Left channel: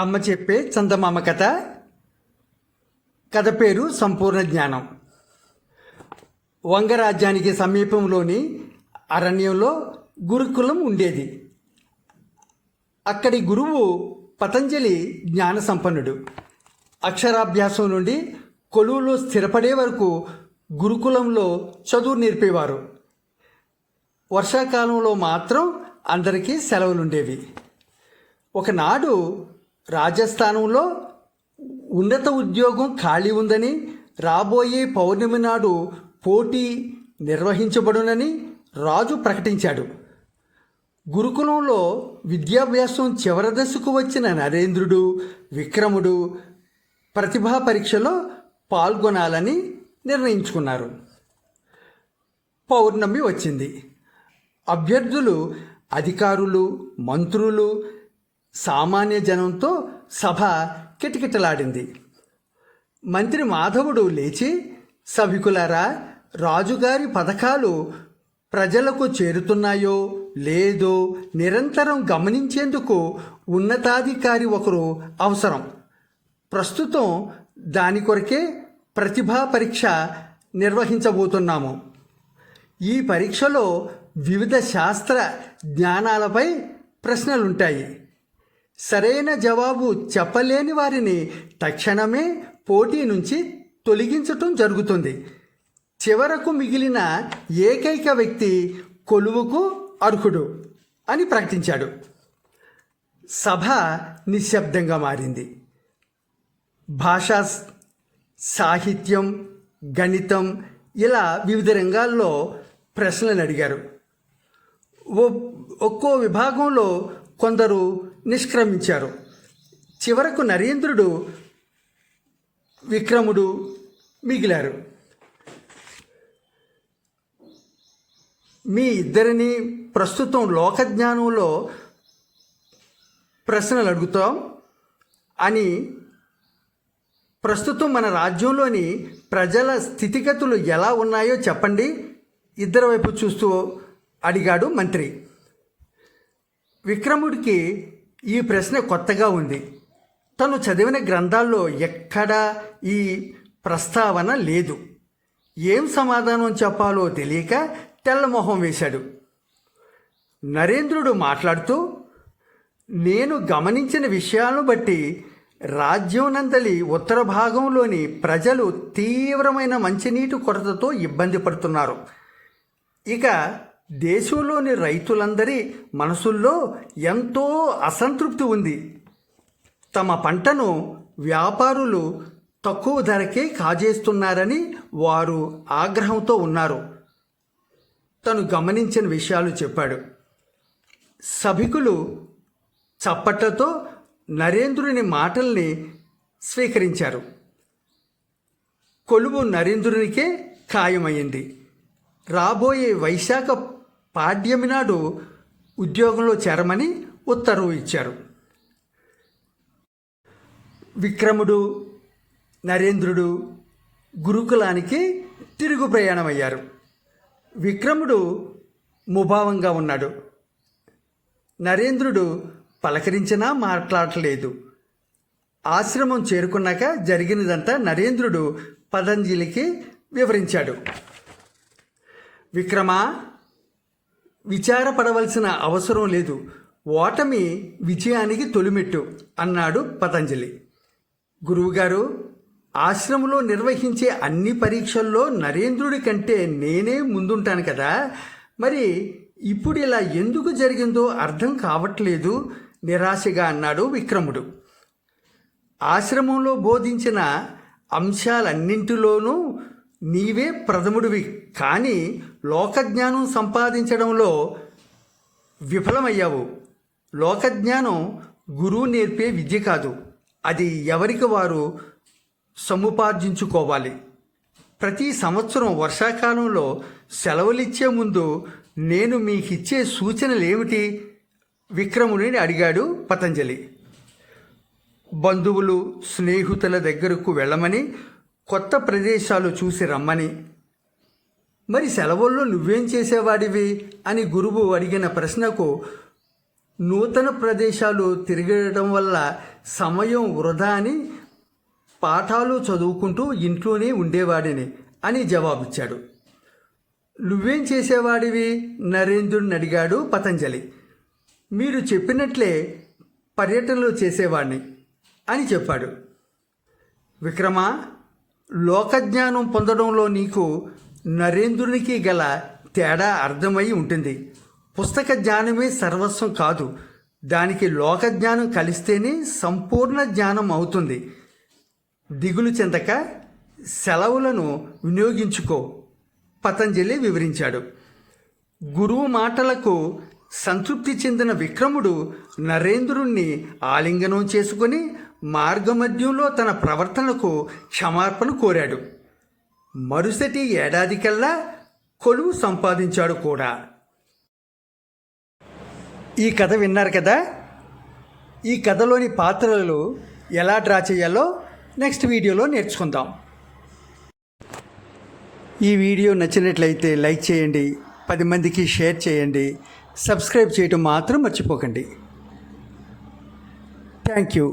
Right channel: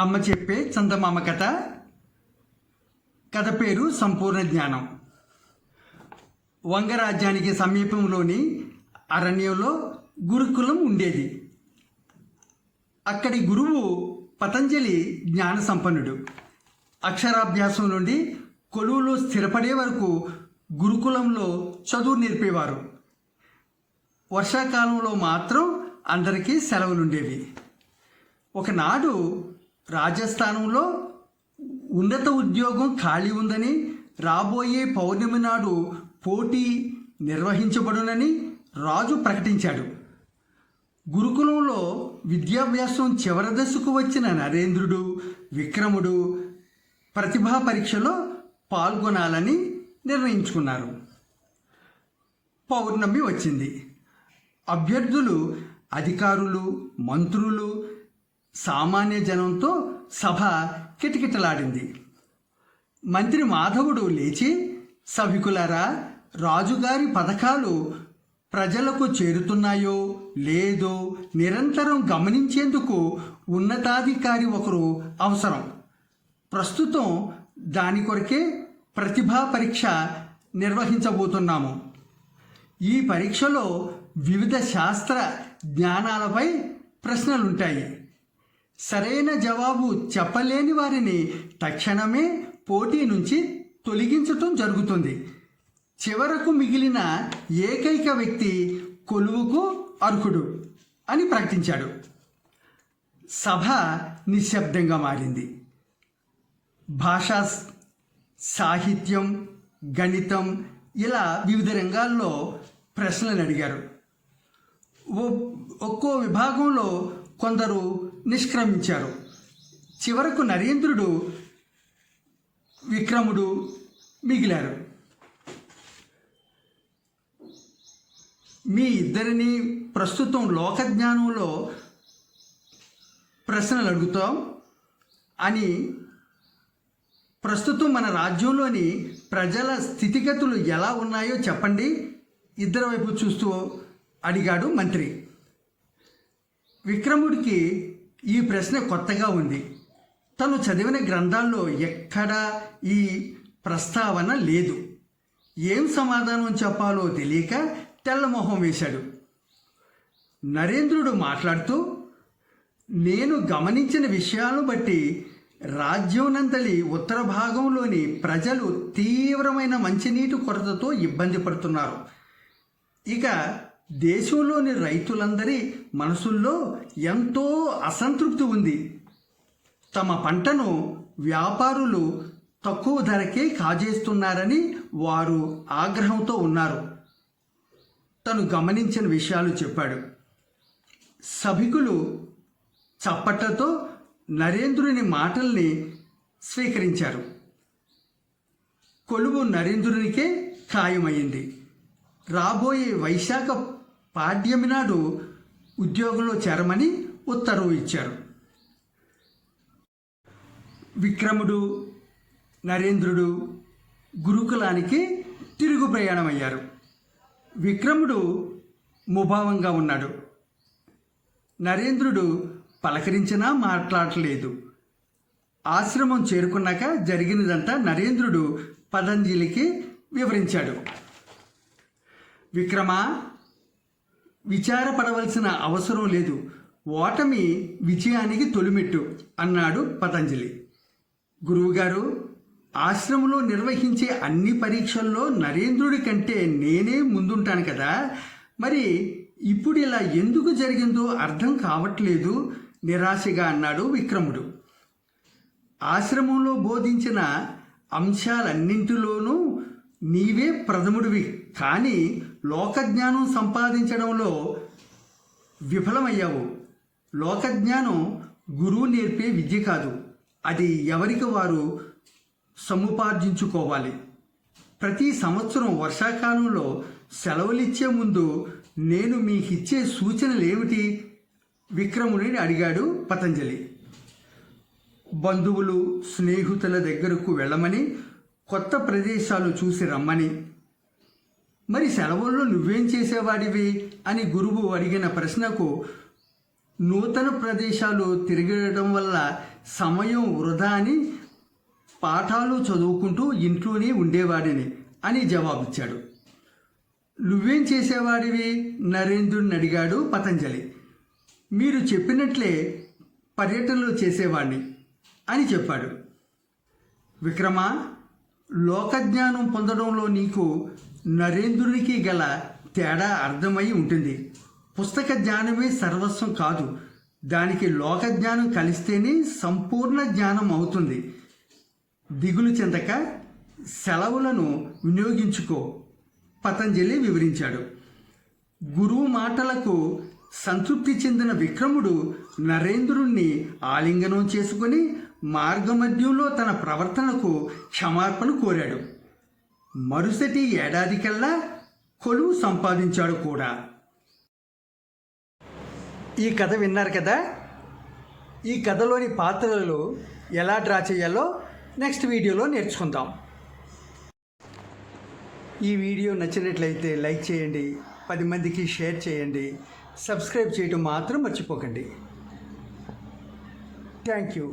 అమ్మ చెప్పే చందమామ కథ. కథ పేరు సంపూర్ణ జ్ఞానం. వంగరాజ్యానికి సమీపంలోని అరణ్యంలో గురుకులం ఉండేది. అక్కడి గురువు పతంజలి జ్ఞాన సంపన్నుడు. అక్షరాభ్యాసం నుండి కొలువులో స్థిరపడే వరకు గురుకులంలో చదువు నేర్పేవారు. వర్షాకాలంలో మాత్రం అందరికీ సెలవులుండేవి. ఒకనాడు రాజస్థానంలో ఉన్నత ఉద్యోగం ఖాళీ ఉందని, రాబోయే పౌర్ణమి నాడు పోటీ నిర్వహించబడునని రాజు ప్రకటించాడు. గురుకులంలో విద్యాభ్యాసం చివరి దశకు వచ్చిన నరేంద్రుడు, విక్రముడు ప్రతిభా పరీక్షలో పాల్గొనాలని నిర్ణయించుకున్నారు. పౌర్ణమి వచ్చింది. అభ్యర్థులు, అధికారులు, మంత్రులు, సామాన్య జనంతో సభ కిటకిటలాడింది. మంత్రి మాధవుడు లేచి, సభికులారా, రాజుగారి పథకాలు ప్రజలకు చేరుతున్నాయో లేదో నిరంతరం గమనించేందుకు ఉన్నతాధికారి ఒకరు అవసరం. ప్రస్తుతం దాని కొరకే ప్రతిభా పరీక్ష నిర్వహించబోతున్నాము. ఈ పరీక్షలో వివిధ శాస్త్ర జ్ఞానాలపై ప్రశ్నలుంటాయి. సరైన జవాబు చెప్పలేని వారిని తక్షణమే పోటీ నుంచి తొలగించటం జరుగుతుంది. చివరకు మిగిలిన ఏకైక వ్యక్తి కొలువుకు అర్హుడు అని ప్రకటించాడు. సభ నిశ్శబ్దంగా మారింది. భాషా, సాహిత్యం, గణితం ఇలా వివిధ రంగాల్లో ప్రశ్నలు అడిగారు. ఒక్కో విభాగంలో కొందరు నిష్క్రమించారు. చివరకు నరేంద్రుడు, విక్రముడు మిగిలారు. మీ ఇద్దరిని ప్రస్తుతం లోకజ్ఞానంలో ప్రశ్నలు అడుగుతాం అని, ప్రస్తుతం మన రాజ్యంలోని ప్రజల స్థితిగతులు ఎలా ఉన్నాయో చెప్పండి, ఇద్దరి వైపు చూస్తూ అడిగాడు మంత్రి. విక్రముడికి ఈ ప్రశ్న కొత్తగా ఉంది. తను చదివిన గ్రంథాల్లో ఎక్కడా ఈ ప్రస్తావన లేదు. ఏం సమాధానం చెప్పాలో తెలియక తెల్లమొహం వేశాడు. నరేంద్రుడు మాట్లాడుతూ, నేను గమనించిన విషయాలను బట్టి రాజ్యం నందలి ఉత్తర భాగంలోని ప్రజలు తీవ్రమైన మంచినీటి కొరతతో ఇబ్బంది పడుతున్నారు. ఇక దేశంలోని రైతులందరి మనసుల్లో ఎంతో అసంతృప్తి ఉంది. తమ పంటను వ్యాపారులు తక్కువ ధరకే కాజేస్తున్నారని వారు ఆగ్రహంతో ఉన్నారు. తను గమనించిన విషయాలు చెప్పాడు. సభికులు చప్పట్లతో నరేంద్రుని మాటల్ని స్వీకరించారు. కొలువు నరేంద్రునికే ఖాయమైంది. రాబోయే వైశాఖ పాడ్యమి నాడు ఉద్యోగంలో చేరమని ఉత్తర్వు ఇచ్చారు. విక్రముడు, నరేంద్రుడు గురుకులానికి తిరుగు ప్రయాణమయ్యారు. విక్రముడు ముభావంగా ఉన్నాడు. నరేంద్రుడు పలకరించినా మాట్లాడలేదు. ఆశ్రమం చేరుకున్నాక జరిగినదంతా నరేంద్రుడు పతంజలికి వివరించాడు. విక్రమా, విచారపడవలసిన అవసరం లేదు. ఓటమి విజయానికి తొలిమెట్టు అన్నాడు పతంజలి. గురువుగారు, ఆశ్రమంలో నిర్వహించే అన్ని పరీక్షల్లో నరేంద్రుడి కంటే నేనే ముందుంటాను కదా, మరి ఇప్పుడు ఇలా ఎందుకు జరిగిందో అర్థం కావట్లేదు నిరాశగా అన్నాడు విక్రముడు. ఆశ్రమంలో బోధించిన అంశాలన్నింటిలోనూ నీవే ప్రథముడివి, కానీ లోకజ్ఞానం సంపాదించడంలో విఫలమయ్యావు. లోకజ్ఞానం గురువు నేర్పే విద్య కాదు, అది ఎవరికి వారు సముపార్జించుకోవాలి. ప్రతి సంవత్సరం వర్షాకాలంలో సెలవులిచ్చే ముందు నేను మీకిచ్చే సూచనలేమిటి? విక్రముని అడిగాడు పతంజలి. బంధువులు, స్నేహితుల దగ్గరకు వెళ్ళమని, కొత్త ప్రదేశాలు చూసి రమ్మని. మరి సెలవుల్లో నువ్వేం చేసేవాడివి అని గురువు అడిగిన ప్రశ్నకు నూతన ప్రదేశాలు తిరగడం వల్ల సమయం వృధా అని పాఠాలు చదువుకుంటూ ఇంట్లోనే ఉండేవాడిని అని జవాబిచ్చాడు. నువ్వేం చేసేవాడివి నరేంద్రుడిని అడిగాడు పతంజలి. మీరు చెప్పినట్లే పర్యటనలు చేసేవాడిని అని చెప్పాడు. విక్రమ, లోకజ్ఞానం పొందడంలో నీకు నరేంద్రునికి గల తేడా అర్థమై ఉంటుంది. పుస్తక జ్ఞానమే సర్వస్వం కాదు, దానికి లోకజ్ఞానం కలిస్తేనే సంపూర్ణ జ్ఞానం అవుతుంది. దిగులు చెందక సెలవులను వినియోగించుకో పతంజలి వివరించాడు. గురువు మాటలకు సంతృప్తి చెందిన విక్రముడు నరేంద్రుణ్ణి ఆలింగనం చేసుకుని మార్గమధ్యంలో తన ప్రవర్తనకు క్షమాపణ కోరాడు. మరుసటి ఏడాది కల్లా కొలువు సంపాదించాడు కూడా. ఈ కథ విన్నారు కదా. ఈ కథలోని పాత్రలు ఎలా డ్రా చేయాలో నెక్స్ట్ వీడియోలో నేర్చుకుందాం. ఈ వీడియో నచ్చినట్లయితే లైక్ చేయండి, 10 మందికి షేర్ చేయండి, సబ్స్క్రైబ్ చేయటం మాత్రం మర్చిపోకండి. Thank you.